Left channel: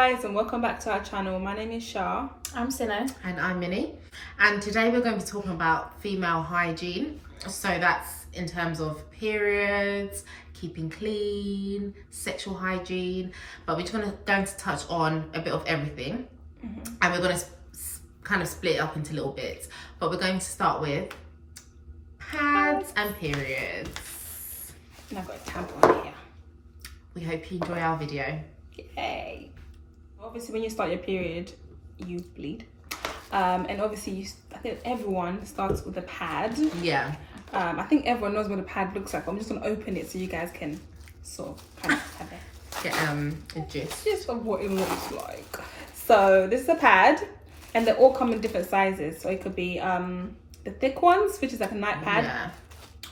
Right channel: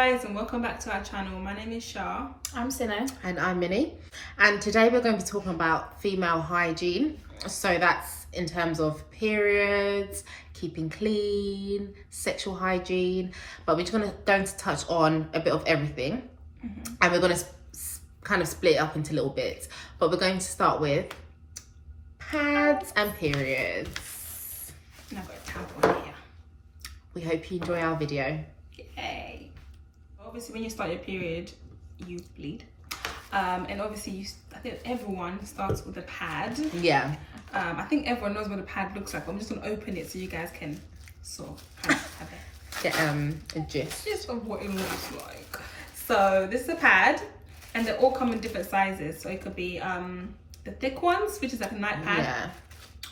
guys, and welcome back to our channel. My name is Shah. I'm Sino. And I'm Minnie. And today we're going to be talking about female hygiene. So that's in terms of periods, keeping clean, sexual hygiene. But we're just going to touch on a bit of everything. And we're going to kind of split it up into little bits. But we're going to start with pads and periods. And I've got a tampon here. We hope you enjoy our video. Yay. Obviously, when you start your period, you bleed. And obviously, I think everyone starts with a pad. Yeah. I think everyone knows what a pad looks like. I'm just going to open it so you guys can sort of kind of have Get a gist of what it looks like. So this is a pad, and they all come in different sizes. So it could be the thick ones, which is like a night pad,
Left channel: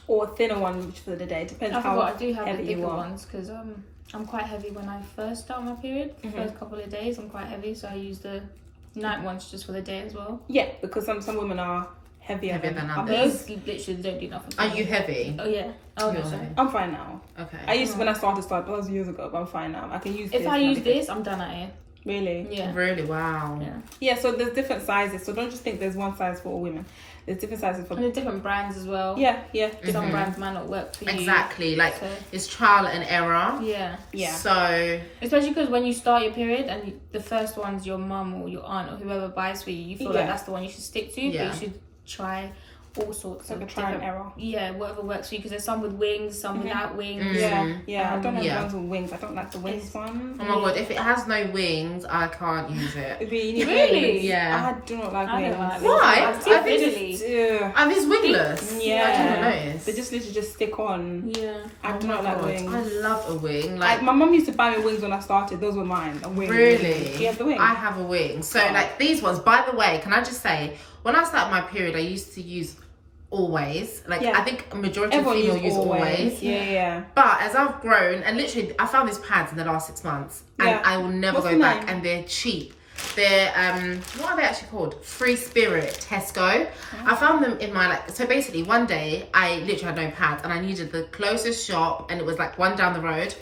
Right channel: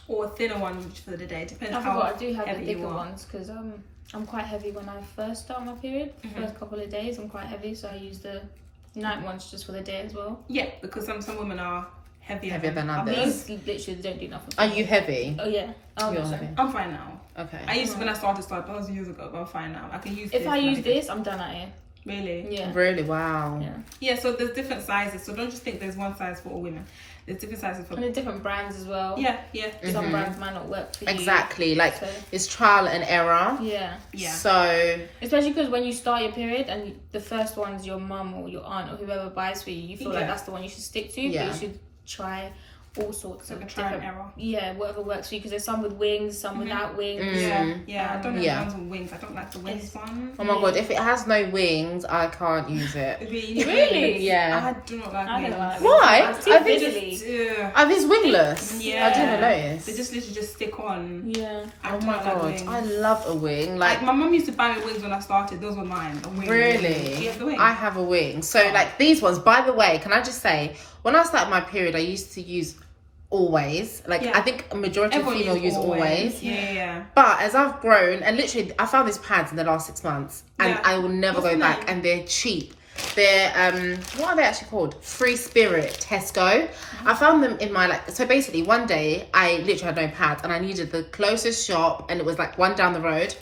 or a thinner one, which for the day. Depends how I do have the heavy thicker you are. ones because I'm quite heavy when I first start my period. The first couple of days, I'm quite heavy, so I use the night ones just for the day as well. Yeah, because some women are heavier than others. These literally don't do nothing. Are you heavy? Oh yeah. Oh, You're no, heavy. I'm fine now. Okay. I used to, when I started, that was years ago, but I'm fine now. I can use If I use this, I'm done at it. Really? Yeah. Really? Wow. Yeah. Yeah, so there's different sizes. So don't just think there's one size for all women. There's different sizes for... And there's different brands as well. Yeah. Some brands might not work for you. Exactly. Like, So, it's trial and error. yeah. So... Especially because when you start your period and the first one's your mum or your aunt or whoever buys for you, you feel like that's the one you should stick to. Yeah. But you should try all sorts of Like a trial and different... error. Yeah, whatever works for you. Because there's some with wings, some without wings. Yeah. I don't have Yeah. ones with wings. I don't like the wings one. Oh my god, if it has no wings, I can't use it. Really? Yeah. I do not like I wings. don't like Why? wings. Too I think- fiddly. Ugh. Are these wingless? Yeah. I didn't notice. They just literally just stick on. Yeah. I Oh do my not like god, wings. I love a wing. Like, My mum used to buy me wings when I started. Those were mine. A wing. really? Yeah, the wing. I have a wing. So, Oh. like, these ones, by the way, can I just say, when I started my period, I used to use Always. Like, Yeah. I think a majority Everyone of female use Always. Yeah. But as I've grown, and literally, I found these pads in the last 6 months, and Yeah. I will never What's go the back. name? And they're cheap. They're what are they actually called? Free Spirit Tesco. I found them in my so basically one day I literally had no pads and I needed the closest shop, and it was like one down the road,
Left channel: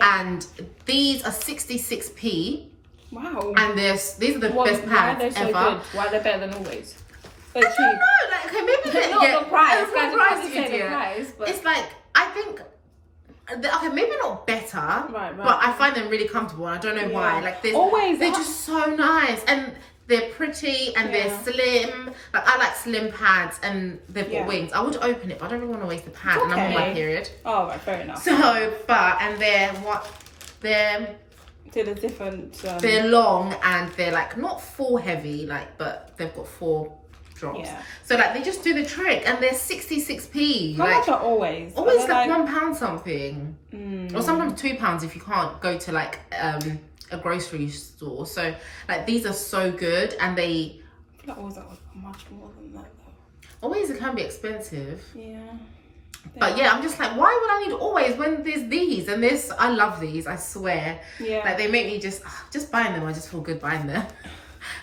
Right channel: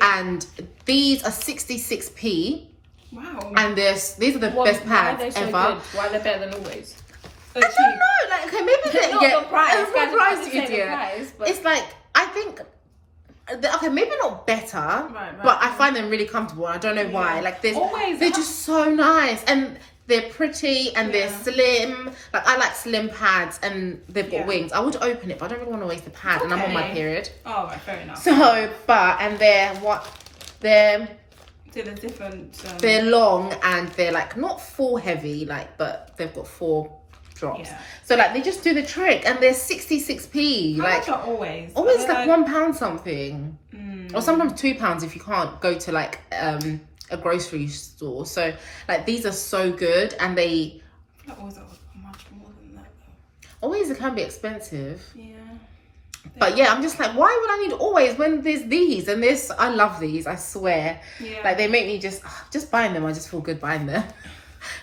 and these are 66p, Wow. and these are the Why best are pads they so ever. good? Why are they better than Always? So I don't know, like, okay, maybe they Not get the price. it's not Guys, price, I didn't say the idiot. price, but It's like, I think, okay, maybe not better, Right, but I find them really comfortable. And I don't know why. Like, Always. they're just so nice, and they're pretty, and they're slim. Like, I like slim pads, and they've got wings. I would open it, but I don't really want to waste the pad, and I'm on my Okay. period. Oh, right, fair enough. So, and So there's different. they're long, and they're like not full heavy, like, but they've got 4 drops. Yeah. So like they just do the trick, and they're 66p. How like much are Always? always Are they like £1 something, or sometimes £2 if you can't go to like a grocery store. So like these are so good, and they I feel like Always are much more than that though. always can be expensive. Yeah. But yeah, I'm just like, why would I need Always when there's these and this? I love these, I swear. Yeah. Like they make me just buying them. I just feel good buying them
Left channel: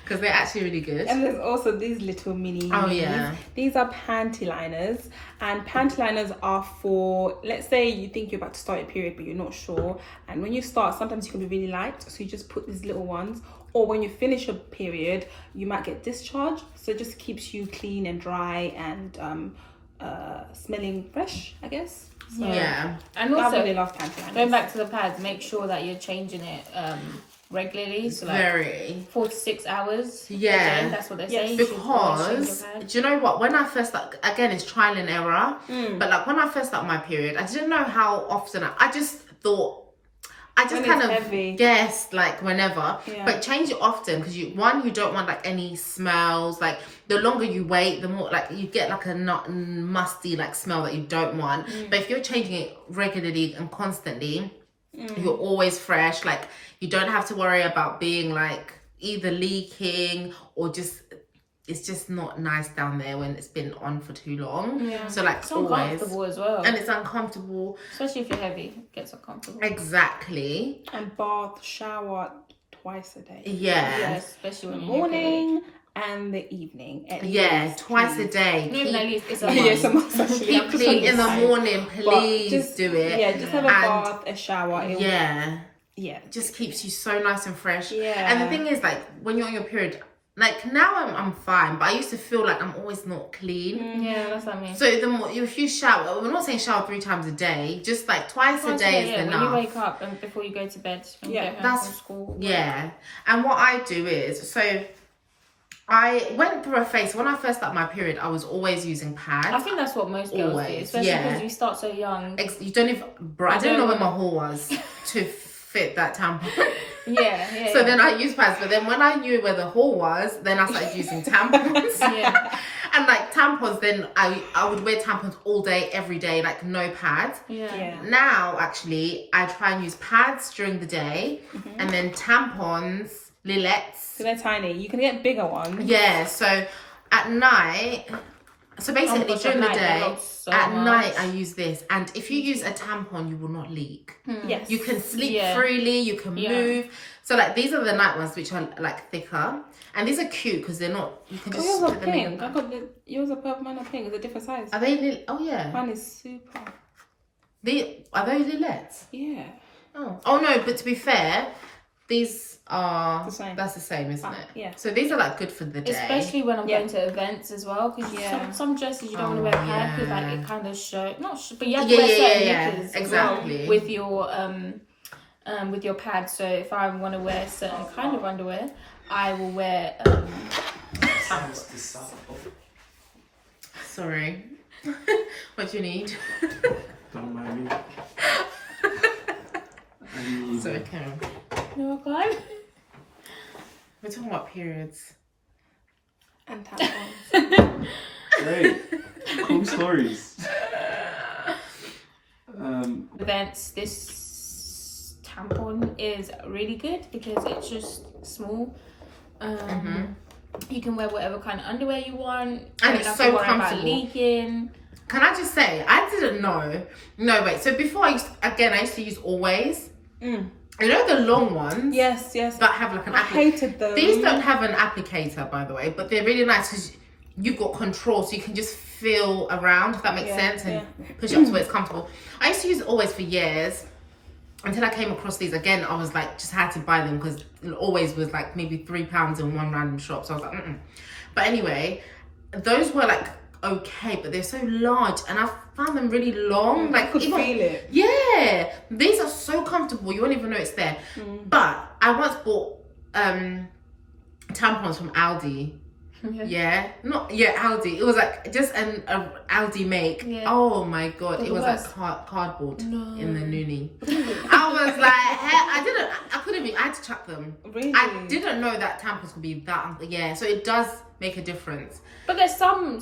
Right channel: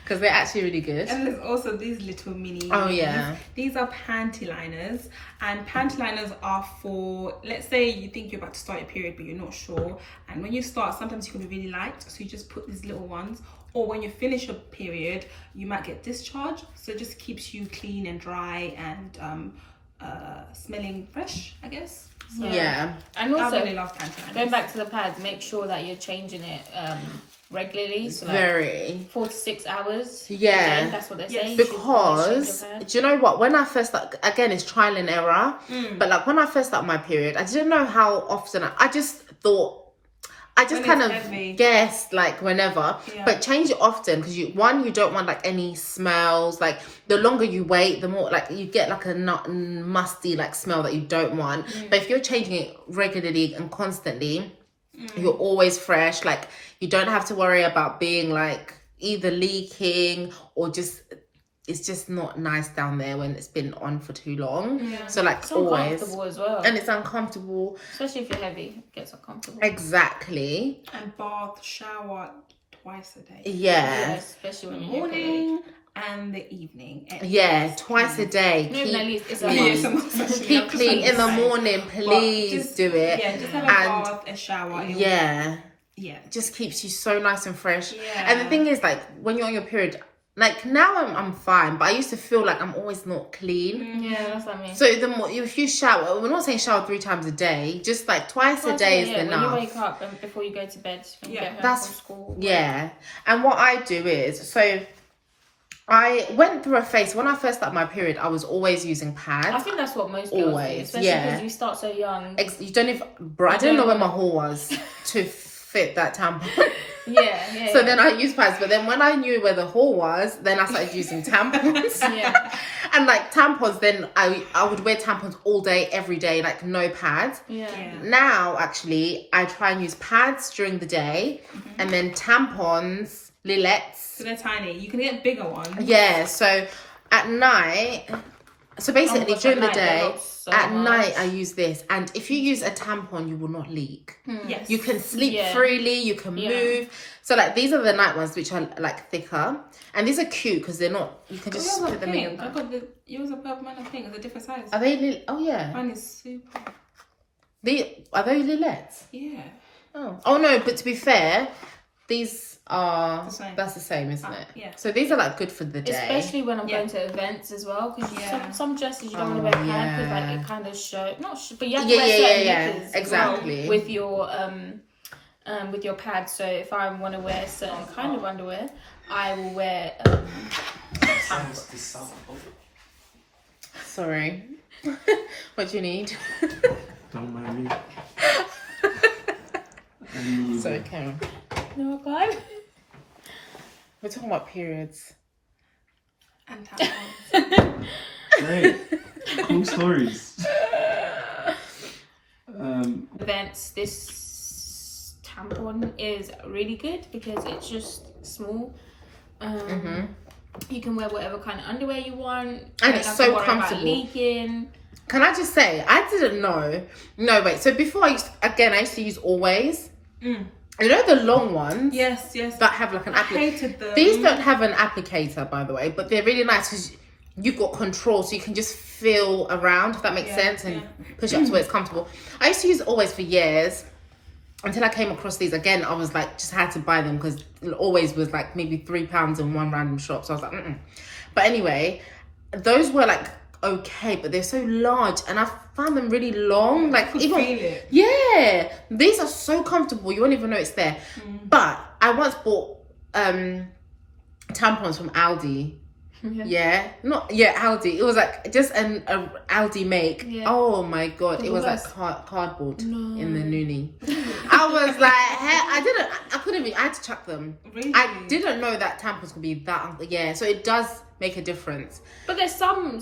because they're actually really good. And there's also these little mini. Oh, yeah. These are panty liners, and panty liners are for, let's say you think you're about to start your period but you're not sure, and when you start sometimes you can be really light, so you just put these little ones, or when you finish your period you might get discharge, so it just keeps you clean and dry and smelling fresh, I guess. So Yeah. and I also really love panty liners. going back to the pads, make sure that you're changing it regularly. So like Very. 4 to 6 hours. Yeah. a day, that's what they say. Yes. You should always change Because your pad. do you know what, when I first start, again it's trial and error, but like when I first started my period, I didn't know how often I just thought, I just When kind it's of heavy. guessed like whenever, Yeah. but change it often, because you don't want like any smells. Like the longer you wait, the more like you get like a musty like smell that you don't want. But if you're changing it regularly and constantly, you're always fresh. Like you don't have to worry about being like either leaking or just, it's just not nice down there when it's been on for too long. Yeah. So like It's always, uncomfortable as well. and it's uncomfortable. Especially if you're heavy, it gets uncomfortable. Exactly. And bath, shower twice a day. Yeah. Yeah, especially when you're in your period. Morning and the evening. at Yeah, least, twice a please. day. Not even at least, it's a Yeah, month. it's a must actually. Keep I'm just clean in the saying. morning, please just- do it. Yeah, just have a And- bath, a shower. Yeah. Yeah. just keeps you so nice and fresh. Yeah. And the thing is, like, when you're on your period, like, now I'm fine, but I used to feel like I'm always not clean. Yeah, that's what I mean. So the more, if you shower, we're not saying shower 3 times a day, just like twice a day is enough. When you wake up and before you go to bed, when you get home from school. Yeah. And what I do is, so I went through a phase, when I first started my period, I was always using pads. I think that's what most girls do, especially because you start so young. You don't even, bro, I didn't know where my hole was to fit that tampon. Yeah. So then I used pads, but then when I knew where the hole was, then I started using tampons. Yeah. And like tampons, then I would wear tampons all day, every day, like no pads. Yeah. Now, actually, I try and use pads during the day, and then tampons, lillettes. So they're tiny. You can get bigger ones. Yeah, so at night, so basically during the day, at night I use this. And if you use a tampon, you will not leak. Yes. You can sleep freely, you can move. So like these are the night ones, which are like thicker. And these are cute because they're not, you can just put them in your I got yours are purple, mine are pink. It's a different size. Are they, oh yeah. Mine is super. Are they lillettes? Yeah. Oh no, but to be fair, these are, The same. that's the same, isn't it? Yeah. So these are like good for the day. Especially when I'm going to events as well, because some dresses you don't want to wear pads because like it kind of show but you have to wear certain knickers as well with your pads. So if I want to wear a certain kind of underwear, I will wear tampons. Sorry. What do you need? Don't mind me. Sorry, Karen. No, God. We're talking about periods. And tampons. Great. Cool stories. Events, this tampon is really good because it's just small. You can wear whatever kind of underwear you want. And it's so comfortable. About leaking. Can I just say, I didn't know. No, wait. So before I used to use Always. You know the long ones? Yes. That have like an applicator. I hated them. These don't have an applicator, by the way, but they're really nice because you've got control, so you can just feel around, if that makes sense, and push it up to where it's comfortable. I used to use Always for years until I came across these again. I was like, just had to buy them because it Always was like maybe £3 in one random shop. So I was like, But anyway, those were like okay, but they're so large, and I found them really long. Like I could feel it. Yeah, these are so comfortable. You won't even know it's there. But I once bought tampons from Aldi. Aldi. It was like just an Aldi make. Yeah. Oh my god, it was like cardboard in the noonie. I was like, I couldn't even. I had to chuck them. Really? I didn't know that tampons could be that. Yeah, so it does make a difference. But there's some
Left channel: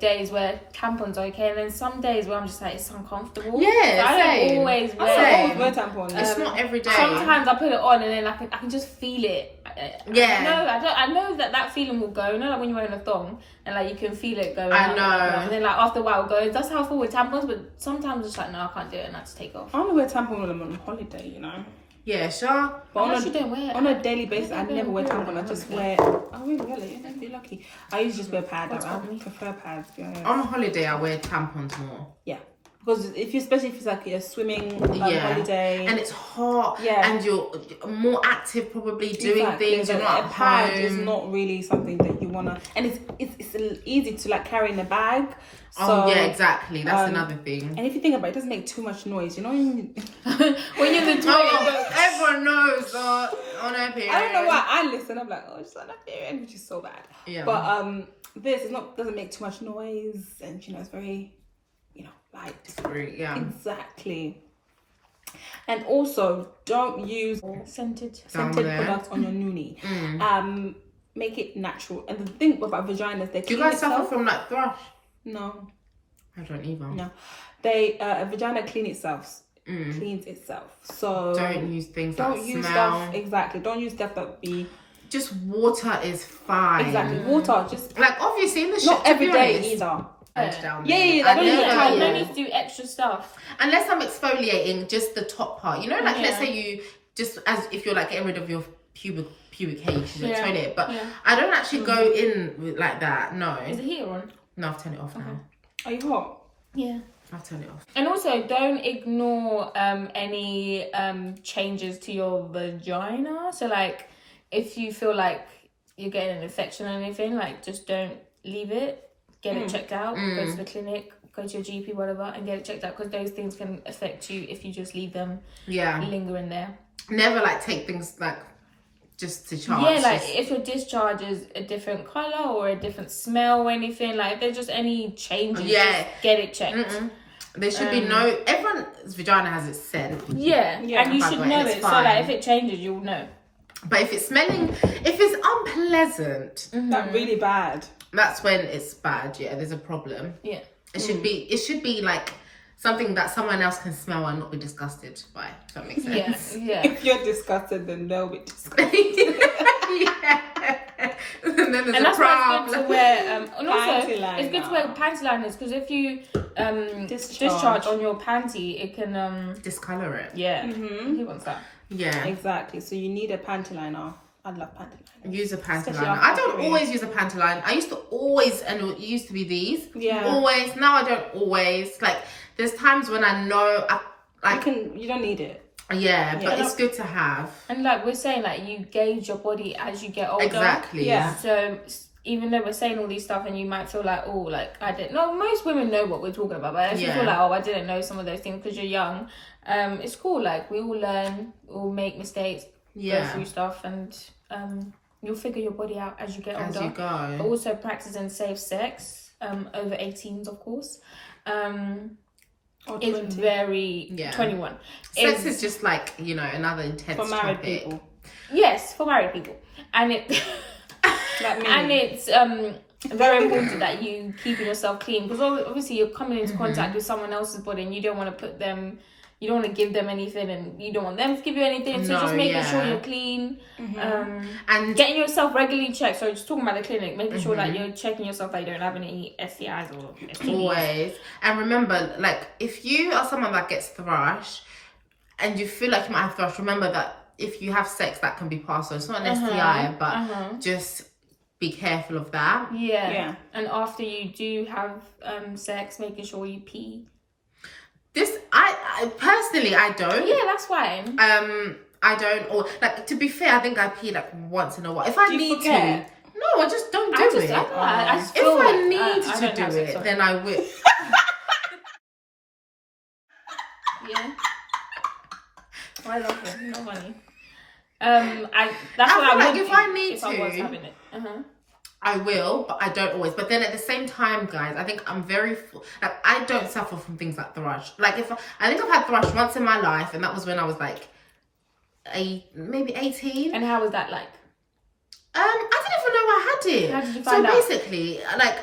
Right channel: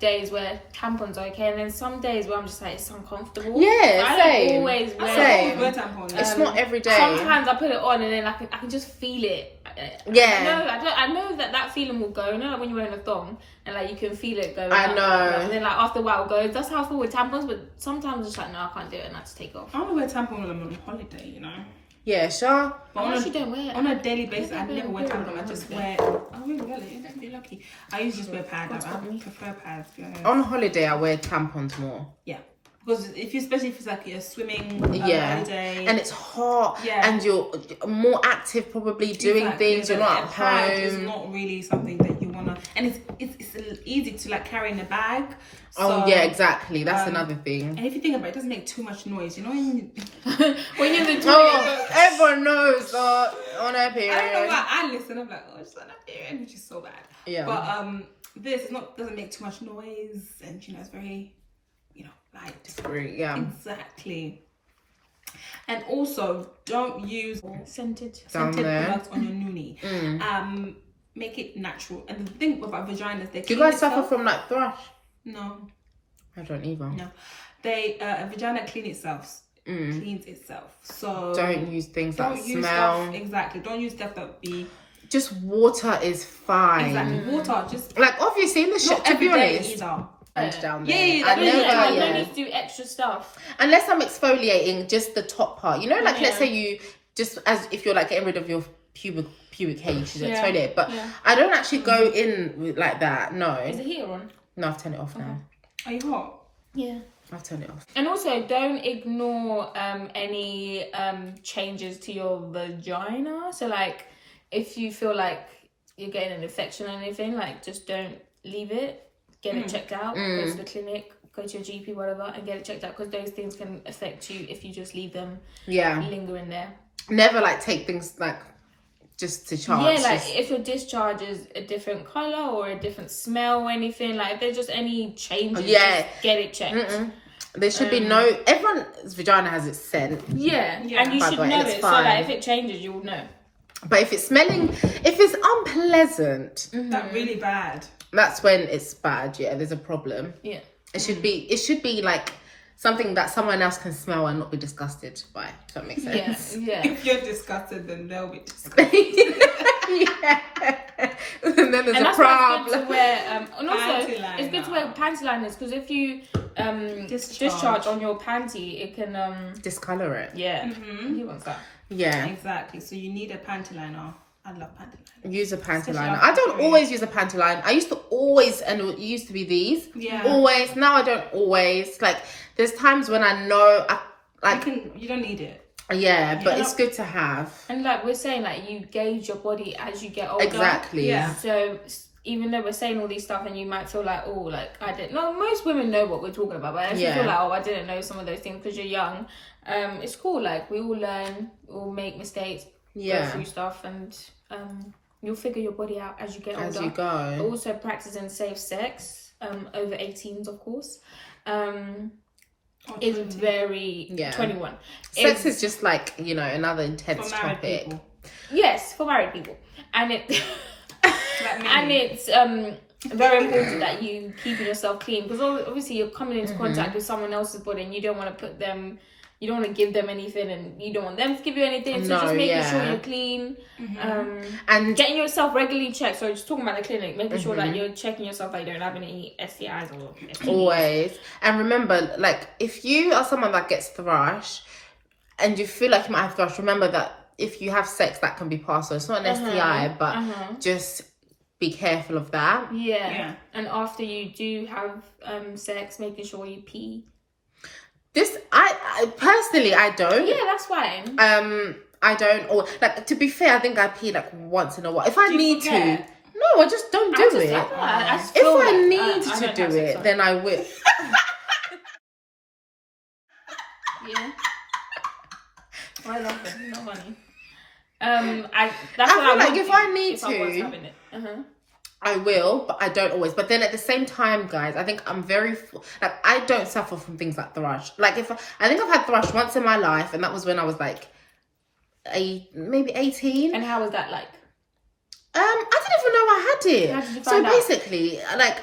days where tampons are okay, and then some days where I'm just like it's uncomfortable. Yeah, I don't always wear tampons. It's not every day. Sometimes I put it on and then I can just feel it. I know that feeling will go. You know, like when you're wearing a thong and like you can feel it going. I know. And then like after a while it goes. That's how I feel with tampons. But sometimes it's like no, I can't do it, and I have to take off. I only wear tampons when I'm on holiday. You know. Yeah, sure. But I actually don't wear. On a daily basis, I never wear tampons. I just wear. Oh, really? You're lucky. I usually just wear pads. I prefer pads. Yeah. On a holiday, I wear tampons more. Yeah. Because especially if it's like you're swimming holiday. And it's hot. Yeah. And you're more active, probably doing things. You're not at home. home. It's not really something that you wanna. And it's easy to like carry in a bag. So, exactly. That's another thing. And if you think about it, it doesn't make too much noise. You know when you're in the toilet. Everyone knows on her period. I don't know why I listen. I'm like, oh, she's on her period, which is so bad. Yeah. But this doesn't make too much noise, and it's very, light. It's great. Yeah. Exactly. And also, don't use scented products on your noonie. Make it natural. And the thing about vaginas, do you guys suffer from like thrush? No. I don't either. No. A vagina cleans itself. So don't use things that smell. Stuff, exactly. Don't use stuff that be. Just water is fine. Exactly. Water. Just like obviously in the shop. Not every day either. Down there. I don't need to do extra stuff. Unless I'm exfoliating just the top part. You know, like let's say you just if you're like getting rid of your pubic hair, you should exfoliate it. But I don't actually go in like that. No. Is the heater on? No, I've turned it off now. Are you hot? Yeah. I'll turn it off. And also, don't ignore any changes to your vagina. So, like, if you feel like you're getting an infection or anything, like, just don't leave it. Get it checked out. Go to the clinic, go to your GP, whatever, and get it checked out, because those things can affect you if you just leave them lingering there. Never like take things like just to chance. Yeah, like if your discharge is a different colour or a different smell or anything, like if there's just any changes, just get it checked. There should be no. Everyone's vagina has its scent. Yeah, and you should know it. So like if it changes, you'll know. But if it's smelling, if it's unpleasant, That's really bad. that's when it's bad. Yeah, there's a problem. Yeah, It should be. It should be like something that someone else can smell and not be disgusted by. If that makes sense. yeah. If you're disgusted, then they'll be disgusted. Yeah. And then there's And a that's why it's problem. good to wear. And also, Panty it's good to wear panty liners, because if you discharge on your panty, it can Discolor it. yeah. He wants that. Yeah. Exactly. So you need a panty liner. I love panty liners. Use a panty Especially liner. after I don't period. always use a panty line. I used to always, and it used to be these. Yeah. Always. Now I don't always. Like, there's times when I know You don't need it. yeah, but Yeah. it's good to have. And like we're saying, like you gauge your body as you get older. Exactly. Yeah. So even though we're saying all these stuff, and you might feel like, oh, like I didn't know. Most women know what we're talking about, but if you feel like, oh, I didn't know some of those things because you're young, it's cool. Like we all learn, we'll make mistakes, go through stuff, and you'll figure your body out as you get As older. you go. But also practicing safe sex, over 18s, of course. It's very 21. Sex is just like, you know, another intense For married topic. people. Yes, for married people, and it Like me. and it's very important that you keeping yourself clean, because obviously you're coming into contact with someone else's body, and you don't want to put them, you don't want to give them anything, and you don't want them to give you anything. So just making sure you're clean, And getting yourself regularly checked. So just talking about the clinic, making sure that you're checking yourself, that you don't have any STIs or STDs. always. And remember, like, if you are someone that gets thrush and you feel like you might have thrush, remember that if you have sex, that can be passed on. It's not an STI, but just be careful of that. Yeah. And after you do have sex, making sure you pee. This, I personally, I don't. Yeah, that's fine. I don't, or like, to be fair, I think I pee like once in a while. If I need to, forget? no, I just don't do it. I just If feel I like, need I to don't do have it, sex, then I will. Yeah. I love it. Not funny. That's what feel I like would if do I need if I was to- having it. I will, but I don't always. But then at the same time, guys, I think I'm very like, I don't suffer from things like thrush. Like, I think I've had thrush once in my life, and that was when I was like maybe 18. And how was that like? I didn't even know I had it. How did you find out? So basically, like,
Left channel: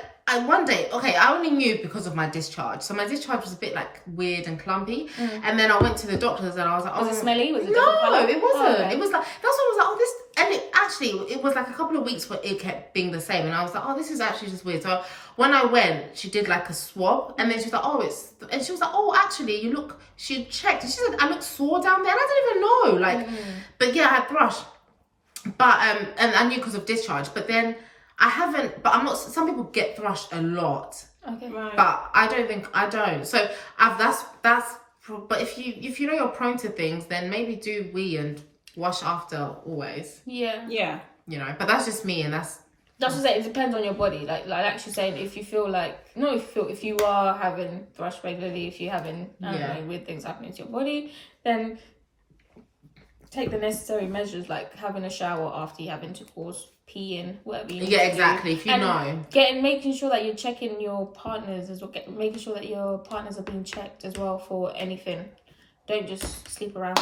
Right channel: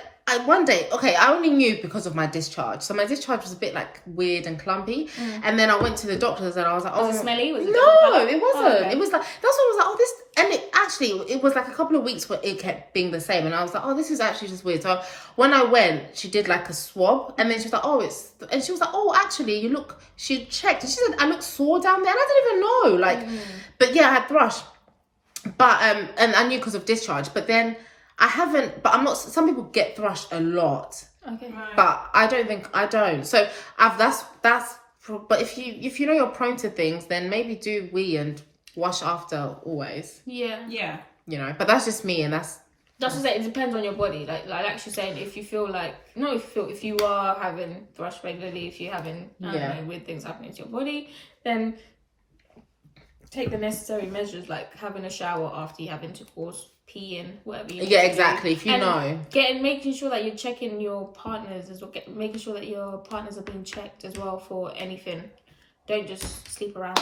one day, I only knew because of my discharge. So my discharge was a bit like weird and clumpy. And then I went to the doctors and I was like, Was it smelly? Was it no, different colour? it wasn't. Oh, okay. It was like, that's what I was like, oh, this, and it was like a couple of weeks where it kept being the same. And I was like, oh, this is actually just weird. So when I went, she did like a swab, and then she was like, oh, and she was like, oh, actually, you look, she checked, and she said, I look sore down there. And I didn't even know, like, but yeah, I had thrush. But, and I knew because of discharge, but then I haven't, but I'm not, some people get thrushed a lot. Okay. But I don't. So but if you know you're prone to things, then maybe do wee and wash after always. Yeah. Yeah. You know, but that's just me, and that's That's what I say, it depends on your body. Like she's saying, if you feel like, if you are having thrush regularly, if you're having weird things happening to your body, then take the necessary measures, like having a shower after you have intercourse, peeing, whatever you need to do. exactly. If you And know, making sure that you're checking your partners as well, making sure that your partners are being checked as well for anything. Don't just sleep around.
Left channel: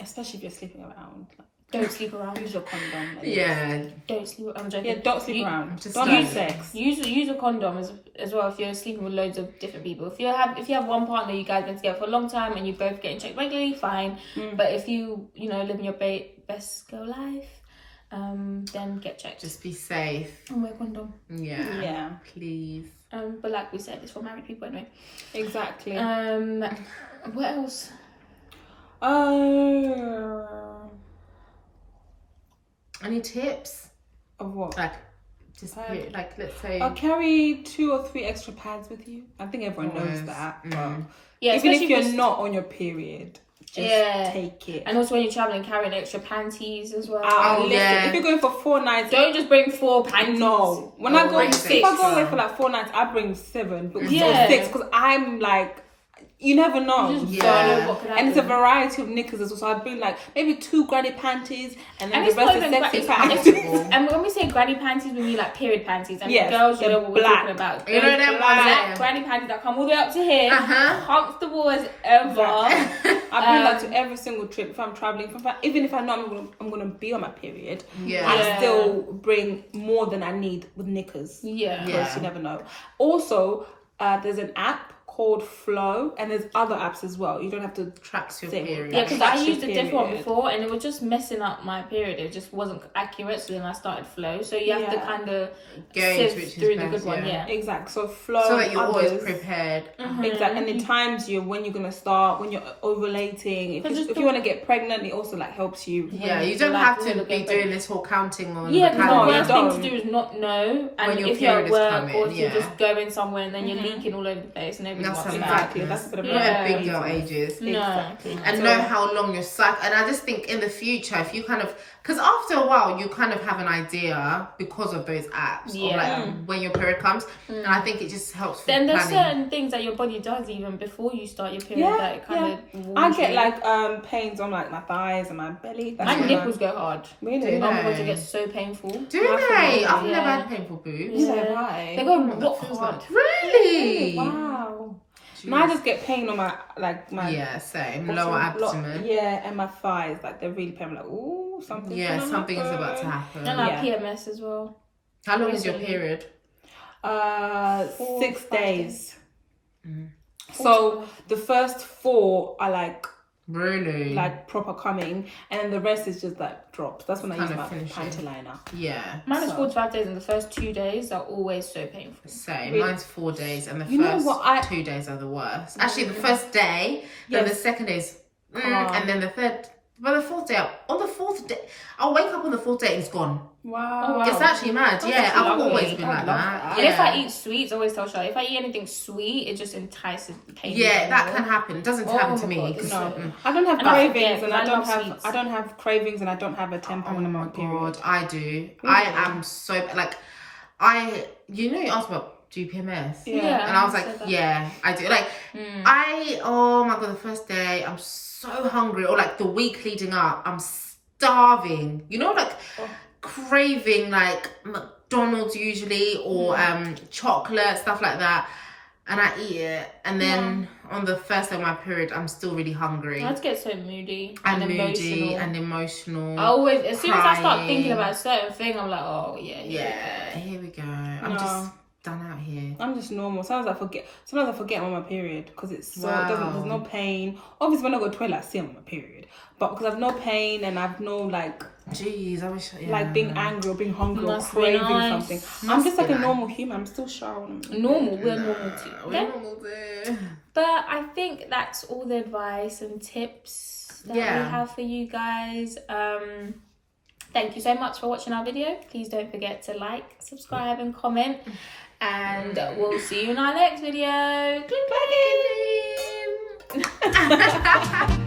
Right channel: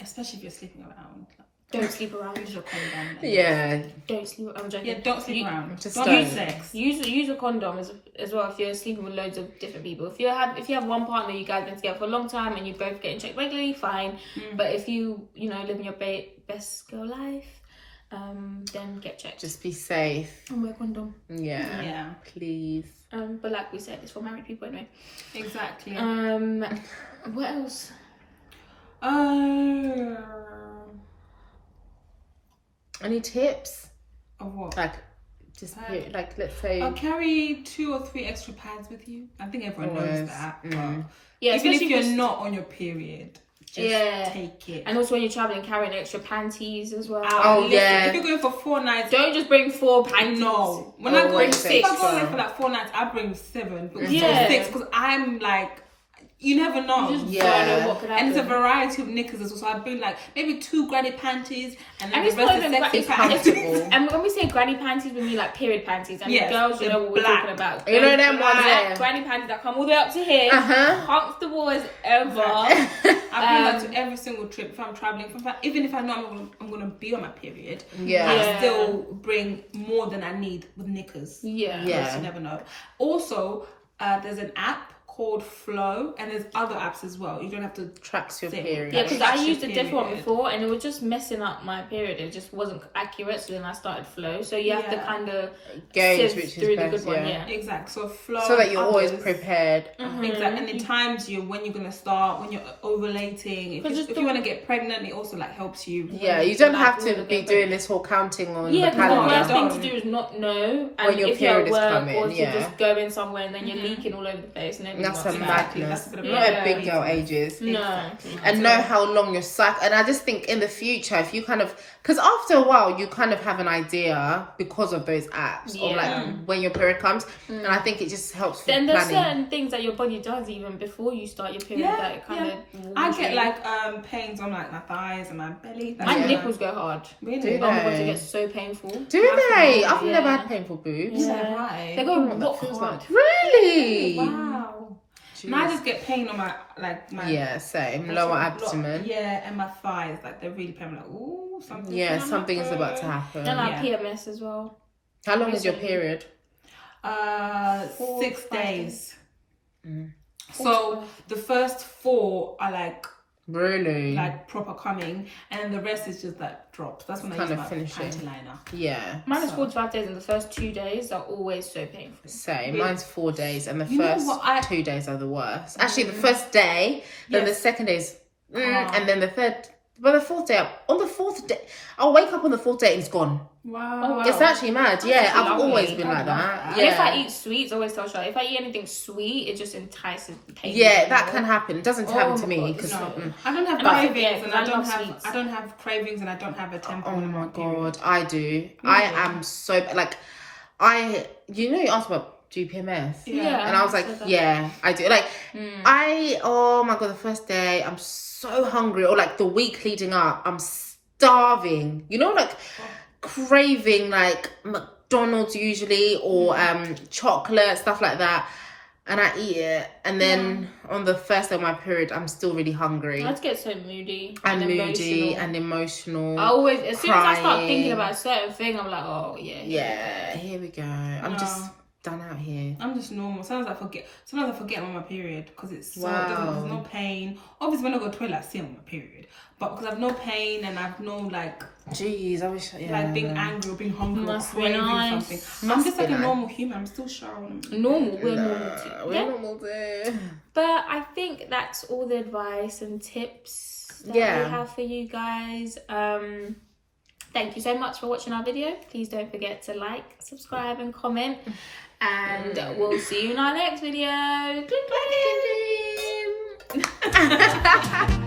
Especially if you're sleeping around. Don't sleep around. Use your condom. yeah, Don't sleep. I'm joking. Yeah, don't sleep around. just Don't don't. have sex. Use a condom as well if you're sleeping with loads of different people. If you have one partner, you guys been together for a long time and you both getting checked regularly, fine. But if you living your best girl life, then get checked. Just be safe. And wear a condom. Yeah, Yeah. please. But like we said, it's for married people anyway. Exactly. What else? Any tips? Of what? Like Just period, like let's say. I'll carry 2 or 3 extra pads with you. I think everyone knows Always. that. Mm. Yeah, Even if especially you're just- not on your period, just take it. And also when you're traveling, carrying extra panties as well. Oh, yeah. If you're going for 4 nights, Don't just bring 4 panties. no. When I go, bring if 6. I go away for like 4 nights, I bring 7, but Yeah. 6 because I'm like, you never know. You just Yeah. don't know what could happen. And it's a variety of knickers as well. So I bring like maybe 2 granny panties and then And the it's not rest even is sexy it's panties. comfortable. And when we say granny panties, we mean like period panties. And Yes, the girls, you they're know what we're black. talking about. You know Those them ones black there? granny panties that come all the way up to here, Uh-huh. comfortable as ever. I bring that to every single trip if I'm traveling. Even if I know I'm gonna be on my period, Yeah. I still bring more than I need with knickers. Yeah. Yeah. Because you never know. Also, there's an app called Flow, and there's other apps as well. You don't have to Tracks your Same. period. Yeah, because I That's used a your different one period. before and it was just messing up my period. It just wasn't accurate. So then I started Flow. So you have to Yeah. kind of Gauge sift which is through the best, good one. yeah. Yeah. exact. So Flow, So that you're always others. prepared. Exactly, and it times you when you're gonna start, when you're ovulating. If you want to get pregnant, it also like helps you. Yeah, you So, don't like, have when to you be get doing this whole counting on Yeah, the because the calendar. worst Don't. thing to do is not know. And When your if you're at period is work coming, or if yeah. you're just going somewhere and then you're leaking all over the place and everyone That's wants a to know. Exactly, madness. that's a bit of Not Yeah. at big girl ages. No. And know how long your cycle. And I just think in the future, if you kind of, because after a while, you kind of have an idea because of those apps Yeah. of like when your period comes. And I think it just helps with Then there's planning. certain things that your body does even before you start your period that it kind of I get like pains on like my thighs and my belly. my Yeah. nipples go hard. Really? Do Oh my god, they? it gets so painful. Do they? I've Yeah. never had painful boobs. So Yeah. high. They go Oh, that what feels hard. like- Really? Wow. Jeez. Now I just get pain on my Yeah, same. Lower abdomen. Yeah, and my thighs, like they're really pain. I'm like, ooh, something. Yeah, something is about to happen. And like Yeah. PMS as well. How long is your Recently. period? 6 5 days. Mm. So the first 4 are like Really? proper coming, and then the rest is just like drops. That's when I Kind use of my finishing. panty liner. Yeah. Mine is So- 45 days and the first 2 days are always so painful. Same. Mine's 4 days, and the You know first what, 2 days are the worst. Actually, the first day, then the Yes. second day is, Calm. and then the third. But the fourth day, on the fourth day, I'll wake up on the fourth day and it's gone. Wow. Oh, wow. It's actually mad. Yeah, I've lovely. always been I like love that. that. Yeah. And if I eat sweets, I always tell Charlotte, if I eat anything sweet, it just entices the taste. Yeah, that can happen. It doesn't happen Oh to my me. God, 'Cause, no. I don't have And I cravings, forget, and 'cause I I don't love have sweets. I don't have cravings, and I don't have a tampon. oh in my period. god, I do. I am so like, you asked about GPMS. Yeah. And I was like, said that. yeah, I do. Like, oh my god, the first day, I'm so hungry. Or like the week leading up, I'm starving. You know, like craving like McDonald's usually or chocolate, stuff like that. And I eat it. And then on the first day of my period, I'm still really hungry. I just get so moody And and moody emotional. and emotional. I always, as soon as I start crying. thinking about a certain thing, I'm like, oh yeah, Yeah, here we go. I'm No. just done out here. I'm just normal. Sometimes I forget I'm on my period because it's so Wow. there's no pain. Obviously, when I go to the toilet, I see I'm on my period. But because I've no pain and I've no like Jeez, I wish. Yeah. being angry or being hungry Must or be craving nice. something. I'm Must just be like a nice. normal human. I'm still shy. Normal, we're normal too. We're Okay? normal too. But I think that's all the advice and tips that Yeah. we have for you guys. Thank you so much for watching our video. Please don't forget to like, subscribe, and comment. And we'll see you in our next video. Click, click.